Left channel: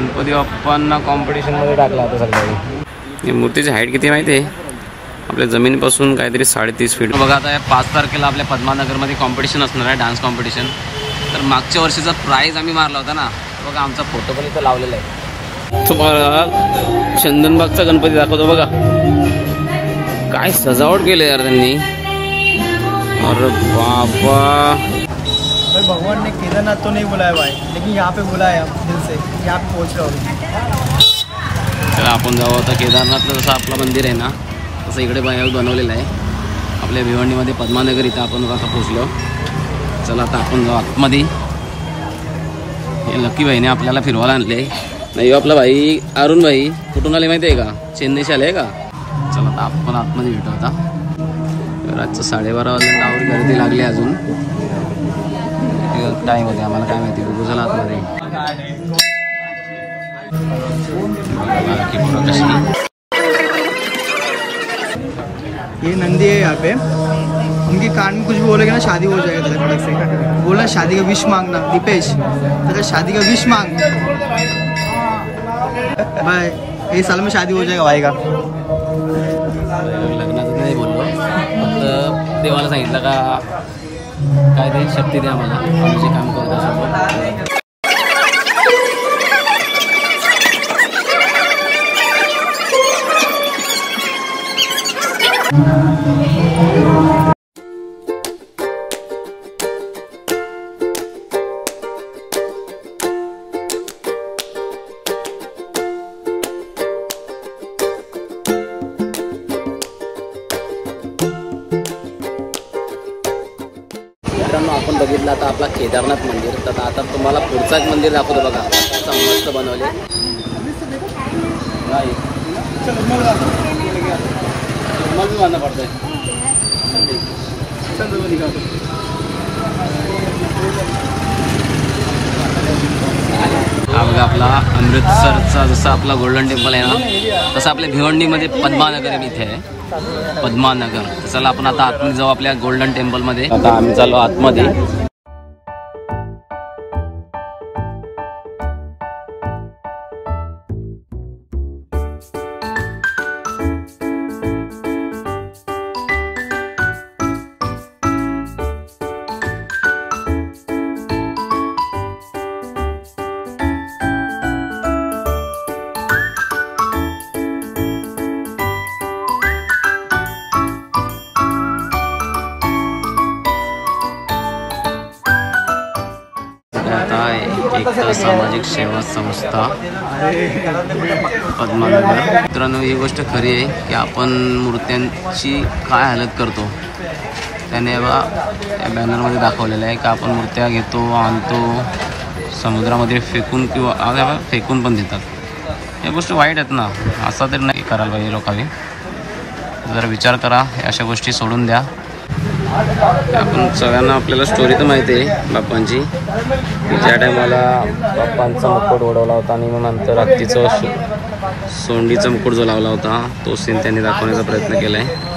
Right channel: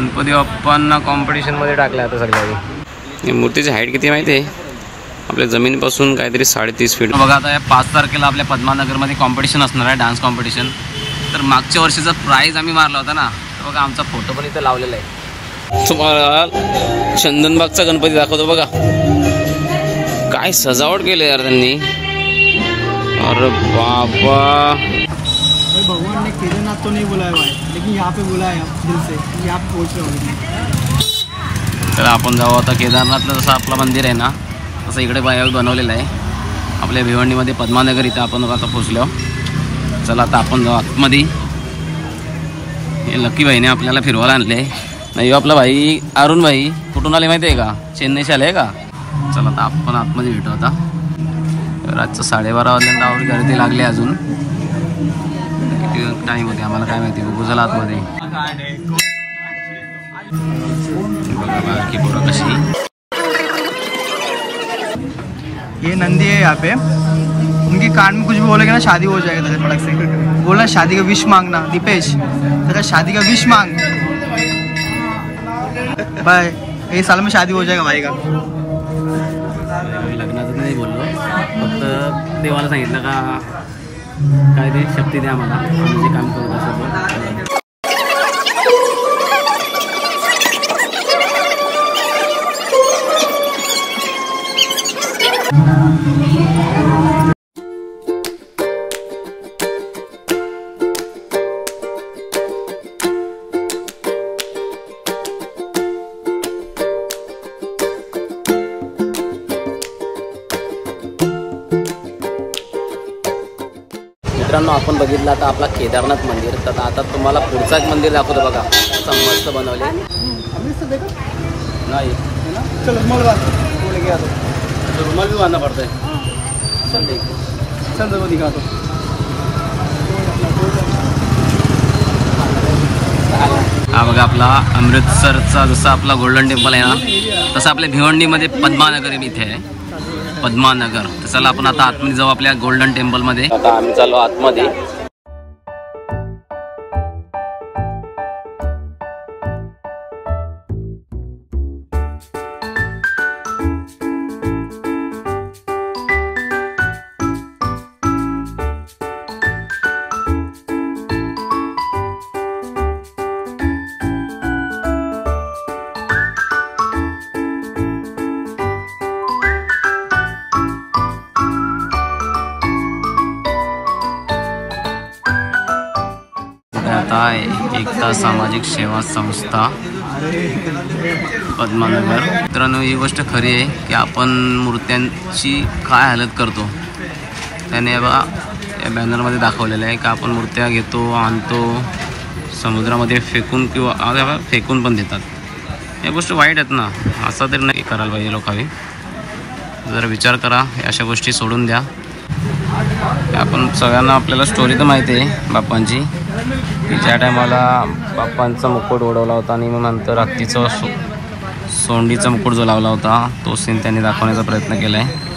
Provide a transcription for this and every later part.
गणपती बाप्पांना कॉम्पिटिशनमध्ये टाकलं आता सगळ्यांनी। मूर्तीची हाईट किती माहिती आहे आपल्या जमिनीपासून काहीतरी 3.5 फीट। बघा आता 5 तारखेला आपल्या पद्मानगरमध्ये कॉम्पिटिशन असणार आहे, डान्स कॉम्पिटिशन। तर मागच्या वर्षीचा प्राईज आम्ही मारला होता ना, तर बघा आमचा फोटो पण इथं लावलेला आहे। तुम्हाला चंदनबागचा गणपती दाखवतो बघा, काय सजावट केली यार त्यांनी। अरे बाबा, भगवान ने केदारनाथ तो नहीं बुलाया भाई, लेकिन यहाँ पे बुलाया दिल से, यहाँ पे पहुँच रहा हूँ। चला आपण जाऊ आता केदारनाथला। जसं आपलं मंदिर आहे ना तसं इकडे बाहेर बनवलेलं आहे आपल्या भिवंडीमध्ये पद्मानगर। इथं आपण आता पोहोचलो। चला आता आपण जाऊ आतमध्ये। हे लकी भाईने आपल्याला फिरवायला आणले। नाही आपला भाई अरुण भाई कुठून आले माहिती आहे का, चेन्नईशी आले का। चला आता आपण आतमध्ये भेटू। आता रातचं 12:30 वाजल्यानंतर आवडी गर्दी लागली। अजून किती टाईम होते आम्हाला काय माहिती। बघू चला आतमध्ये। बघा बाकी पोरं कशी। ये नंदी है यहाँ पे, उनके कान में कुछ भी बोलेगा ना शादी हो जाएगा तेरे फटक से। बोला शादी का विश मांगना दीपेश, तेरा शादी का विश मांग भाई, ये साल में शादी हो जाएगा भाई का। लग्नाचं नाही बोललो, फक्त देवाला सांगितलं का काहीतरी शक्ती द्या मला, आम्ही जे काम करू असं। मित्रांनो आपण बघितलं आता आपला केदारनाथ मंदिर। तर आता तुम्हाला पुढचा एक मंदिर दाखवतो बघा, मस्त बनवले नाही। रुमाल भी बांधना पड़ता है। हा बघा आपला अमृतसरचा जसं आपला गोल्डन टेम्पल आहे ना, तसं आपल्या भिवंडीमध्ये पद्मानगर इथे आहे, पद्मानगर। तर चला आपण आता आतमध्ये जाऊ आपल्या गोल्डन टेम्पलमध्ये। आता आम्ही चाललो आतमध्ये। एकता सामाजिक सेवा संस्था पद्मानगर। मित्रांनो ही गोष्ट खरी आहे की आपण मूर्त्यांची काय हालत करतो, त्याने बघा या बॅनरमध्ये दाखवलेलं आहे की आपण मूर्त्या घेतो, आणतो, समुद्रामध्ये फेकून किंवा फेकून पण देतात। या गोष्टी वाईट आहेत ना, असं तरी नाही करायला पाहिजे लोकांनी। जरा विचार करा, अशा गोष्टी सोडून द्या। आपण सगळ्यांना आपल्याला स्टोरी तर माहिती आहे बाप्पांची, की ज्या टायमाला बाप्पांचा मुकुट उडवला होता आणि मग नंतर हत्तीचं सोंडीचा मुकुट जो लावला होता तो सीन त्यांनी दाखवण्याचा प्रयत्न केला आहे।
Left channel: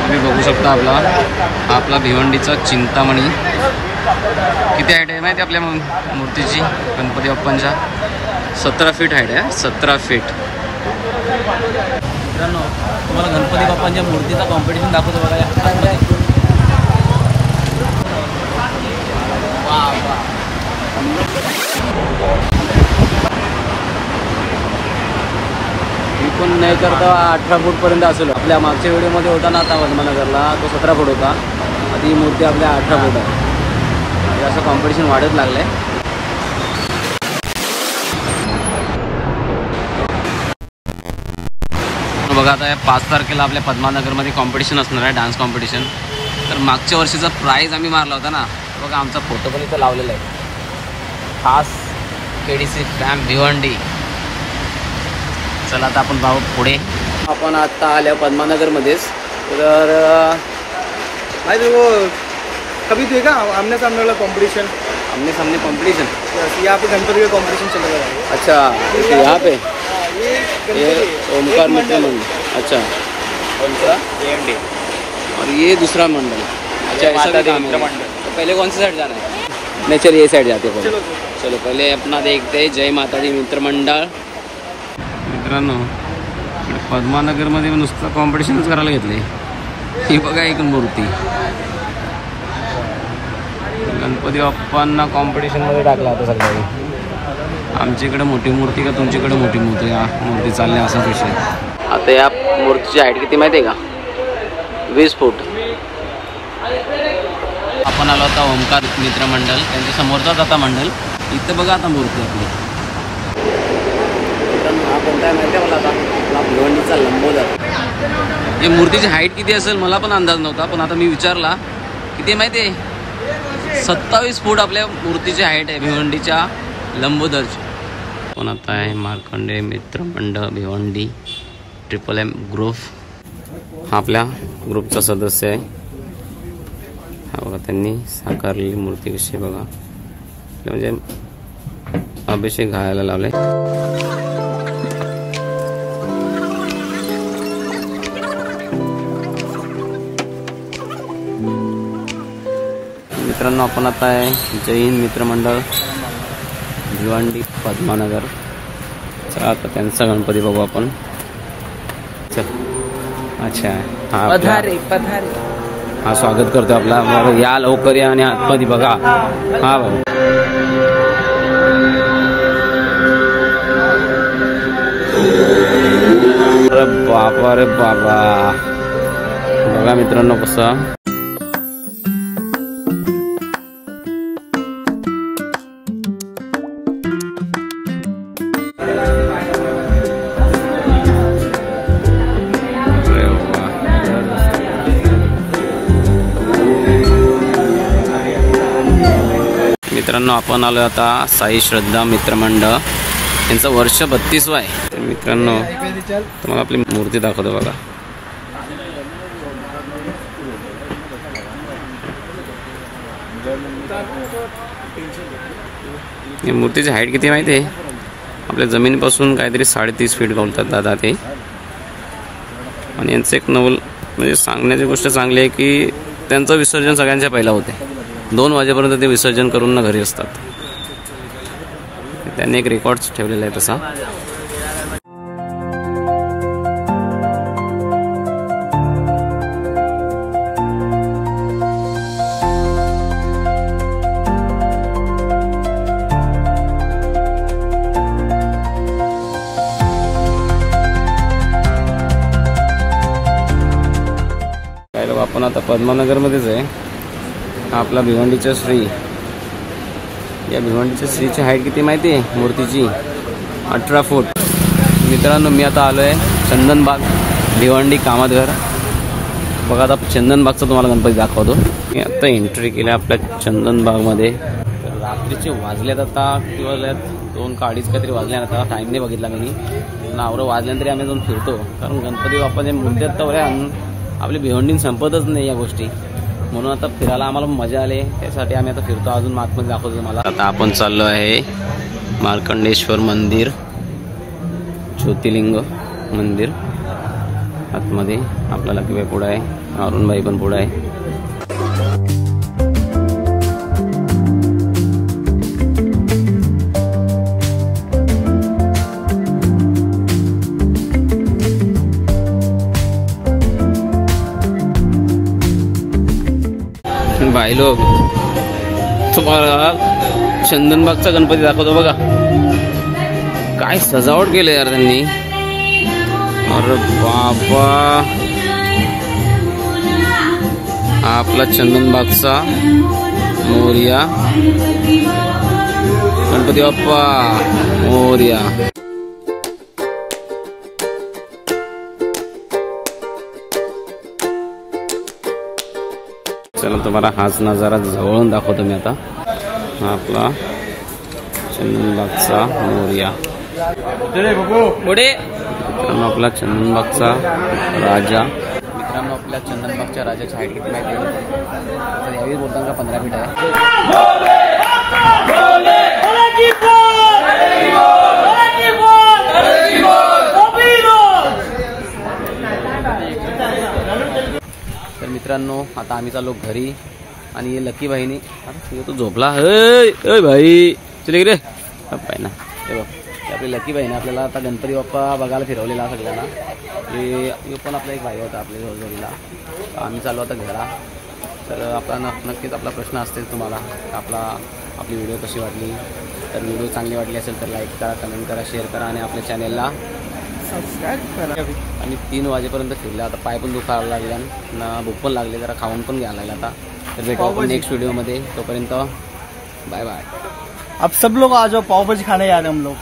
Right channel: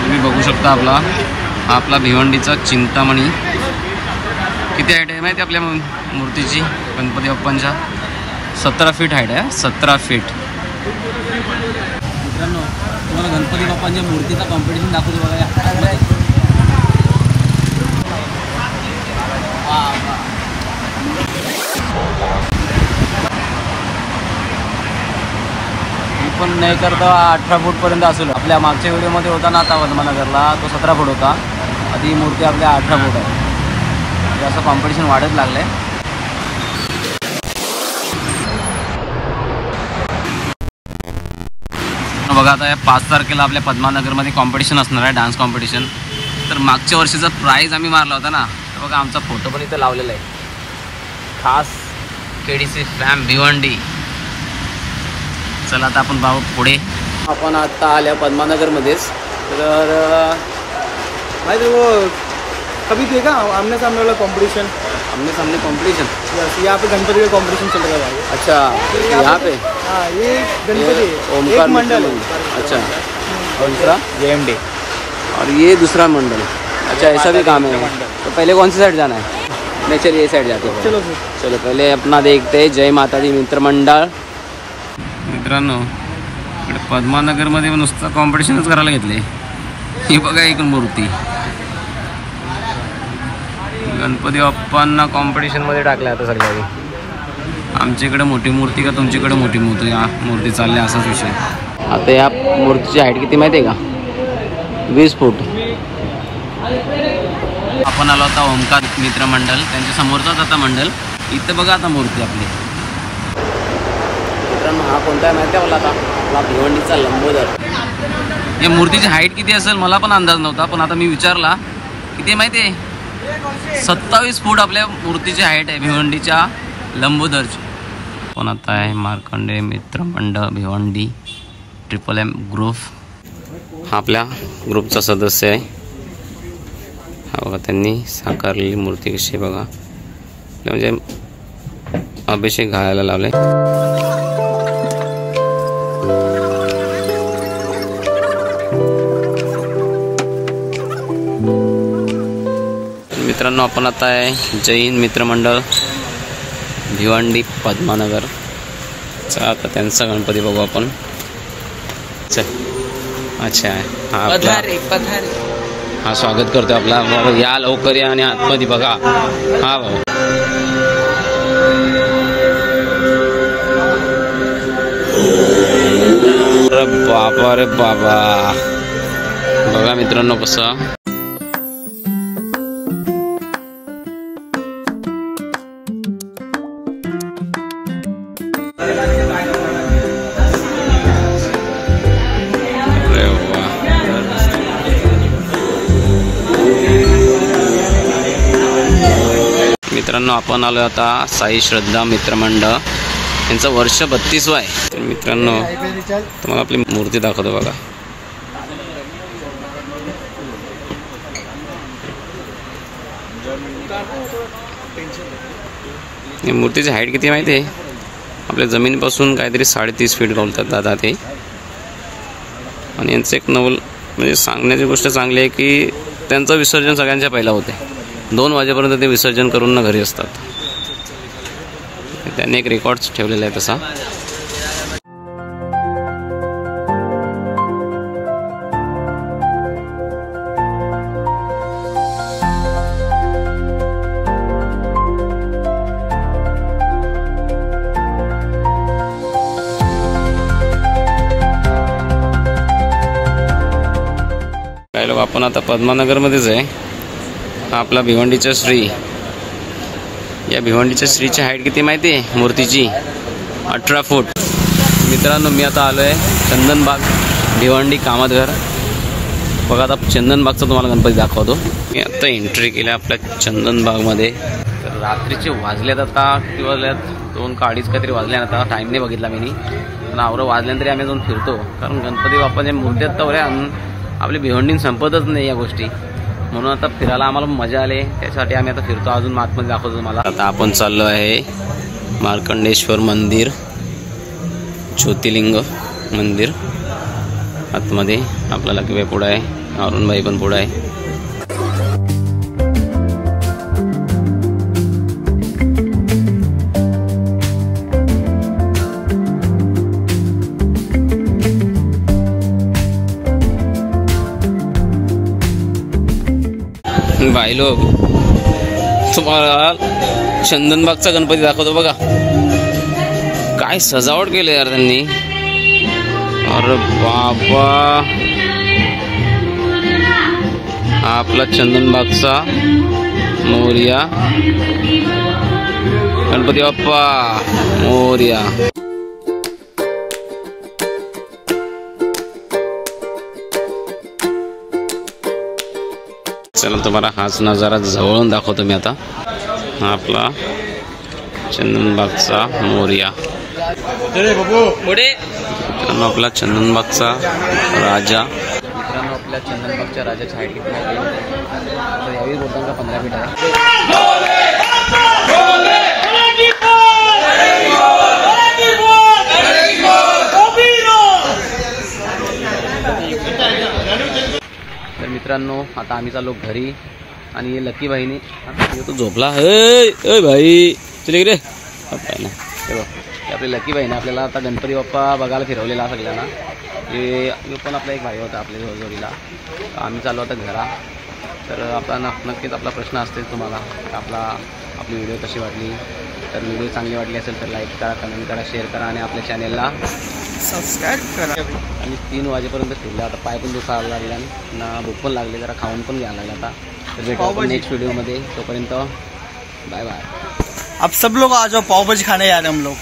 तुम्ही बघू शकता आपला भिवंडीचा चिंतामणी। किती हाईट आहे माहिती आपल्या मूर्तीची, गणपती बाप्पांच्या 17 फीट हाईट आहे। 17 फीट। मित्रांनो तुम्हाला गणपती बाप्पांच्या मूर्तीचा कॉम्पिटिशन दाखवतो बघा या आतमध्ये। वा वा, पण नाही तर 18 फूट पर्यंत असेल। आपल्या मागच्या व्हिडिओमध्ये होता ना आता पद्मानगरला, तो 17 फूट होता, ती मूर्ती आपल्या 18 फूट आहे। असं कॉम्पिटिशन वाढत लागले। बघा आता 5 तारखेला आपल्या पद्मानगरमध्ये कॉम्पिटिशन असणार आहे, डान्स कॉम्पिटिशन। तर मागच्या वर्षीचा प्राईज आम्ही मारला होता ना, तर बघा आमचा फोटो पण इथं लावलेला आहे, खास केडीसी फॅम भिवंडी। चला आता आपण भाऊ पुढे। आपण आता आल्या पद्मानगरमध्येच। तर माहिती कभी देखा आमने सामने वाला कंपटीशन? आमने सामने कंपटीशन? यहाँ पे गणपति का कंपटीशन चल रहा है। अच्छा, यहाँ पे ये ओमकार मित्र मंडल। अच्छा, और दूसरा JMD, और ये दूसरा मंडल। अच्छा, ऐसा भी काम है। तो पहले कौन सी साइड जाना है? नहीं, चलिए ये साइड जाते हैं पहले। चलो पहले अपना देखते हैं जय माता दी मित्र मंडळ। मित्रांनो, इकडे पद्मानगरमध्ये नुसतं कॉम्पिटिशनच करायला घेतले। ही बघा एक मूर्ती, गणपती बाप्पांना कॉम्पिटिशनमध्ये टाकल्या आता सगळ्यांनी। आमच्याकडे मोठी मूर्ती का तुमच्याकडे मोठी मूर्ती? या मूर्ती चालल्या असा विषय। आता या मूर्तीची हाईट किती माहिती आहे का? 20 फूट। आपण आलो होता ओमकार मित्र मंडळ, त्यांच्या समोरचाच आता मंडळ। इथं बघा आता मूर्ती आपली। मित्रांनो, हा कोणता आहे माहिती आहे मला? आता आपला भिवंडीचा लंबोदर। या मूर्तीची हाईट किती असेल मला पण अंदाज नव्हता, पण आता मी विचारला किती माहिती आहे? 27 फूट आपल्या मूर्तीची हाईट आहे भिवंडीच्या लंबोदरची। पण आता आहे मार्कंडे मित्र मंडळ भिवंडी MMM ग्रुप। हा आपल्या ग्रुपचा सदस्य आहे। हा बघा, त्यांनी साकारलेली मूर्ती कशी बघा, म्हणजे अभिषेक घालायला लावले। मित्रांनो, आपण आता आहे जैन मित्र मंडळ भिवंडी पद्मानगर। चला आता त्यांचा गणपती बघू आपण। अच्छा, हा आपला हा स्वागत करतो आपला। या लवकर या आणि आतमध्ये बघा। हा बाबा, अरे बाबा रे बाबा, बघा मित्रांनो कसं। मित्रांनो, आपण आलो आता साई श्रद्धा मित्र मंडळ, यांचं वर्ष 32 आहे। तर मित्रांनो, तुम्हाला आपली मूर्ती दाखवतो बघा। या मूर्तीची हाईट किती माहिती आहे? आपल्या जमिनीपासून काहीतरी 3.5 फीट बोलतात दादा ते। आणि यांचं एक नवल म्हणजे सांगण्याची गोष्ट चांगली आहे की त्यांचं विसर्जन सगळ्यांच्या पहिला होते। 2 वाजेपर्यंत ते विसर्जन करून ना घरी असतात। त्यांनी एक रेकॉर्ड ठेवलेला आहे तसा। काही लोक आपण आता पद्मानगरमध्येच आहे। हा आपला भिवंडीचा श्री। या भिवंडीच्या श्रीची हाईट किती माहिती आहे मूर्तीची? 18 फूट। मित्रांनो, मी आता आलो आहे चंदनबाग भिवंडी कामतघर। बघा, आता चंदनबागचा तुम्हाला गणपती दाखवतो। मी आता एंट्री केली आपल्या चंदनबागमध्ये। तर रात्रीचे वाजलेत आता किती वाजल्यात? 2 का 2:30 काहीतरी वाजले। आता टाईम नाही बघितला मी, पण आवरं वाजल्यानंतरी आम्ही जाऊन फिरतो, कारण गणपती बाप्पाच्या मूर्त्या तवऱ्या आपली भिवंडीन संपतच नाही या गोष्टी। म्हणून आता फिरायला आम्हाला मजा आली, त्यासाठी आम्ही आता फिरतो। अजून आतमध्ये दाखवतो तुम्हाला। आता आपण चाललो आहे मार्कंडेश्वर मंदिर, ज्योतिर्लिंग मंदिर। आतमध्ये आपला लकीबाई पुढे आहे, अरुणबाई पण पुढे आहे। भाई लोग, तुम्हाला चंदनबागचा गणपती दाखवतो बघा। काय सजावट केली यार त्यांनी। अरे बाबा, हा आपला चंदनबागचा मोरया गणपती बाप्पा मोरया। चला तुम्हाला हाच नजारा जवळून दाखवतो मी आता। हा आपला चंदनबागचा मोरया। मित्रांनो, आपला चंदनबागचा राजा। मित्रांनो आपल्या चंदनबागच्या राजाची हाईट किती माहिती आहे? तर यावेळी बोलताना का 15 फीट आहे. तर मित्रांनो आता आम्ही चाललो घरी आणि लकी भाईनी तो झोपला. अय भाई चले रे बाई ना. आपली लकी भाईने आपल्याला आता गणपती बाप्पा बघायला फिरवलेला सगळ्यांना. हे पण आपला एक भाई होता आपल्या जोडीला. आम्ही चाललो आता घरा. तर आपला नक्कीच आपला प्रश्न असतेच तुम्हाला आपली व्हिडिओ कशी वाटली. तर व्हिडिओ चांगली वाटली असेल तर लाईक करा, कमेंट करा, शेअर करा आणि आपल्या चॅनेलला सबस्क्राईब करा. आणि 3 वाजेपर्यंत फिरले. आता पाय पण दुखायला लागले ना भूक पण लागले, जरा खाऊन पण घ्यायला लागला आता. तर भेटू आपण नेक्स्ट व्हिडिओमध्ये. तोपर्यंत बाय बाय. अब सब लोग आ जाओ पाव भाजी खाने यार हम लोग.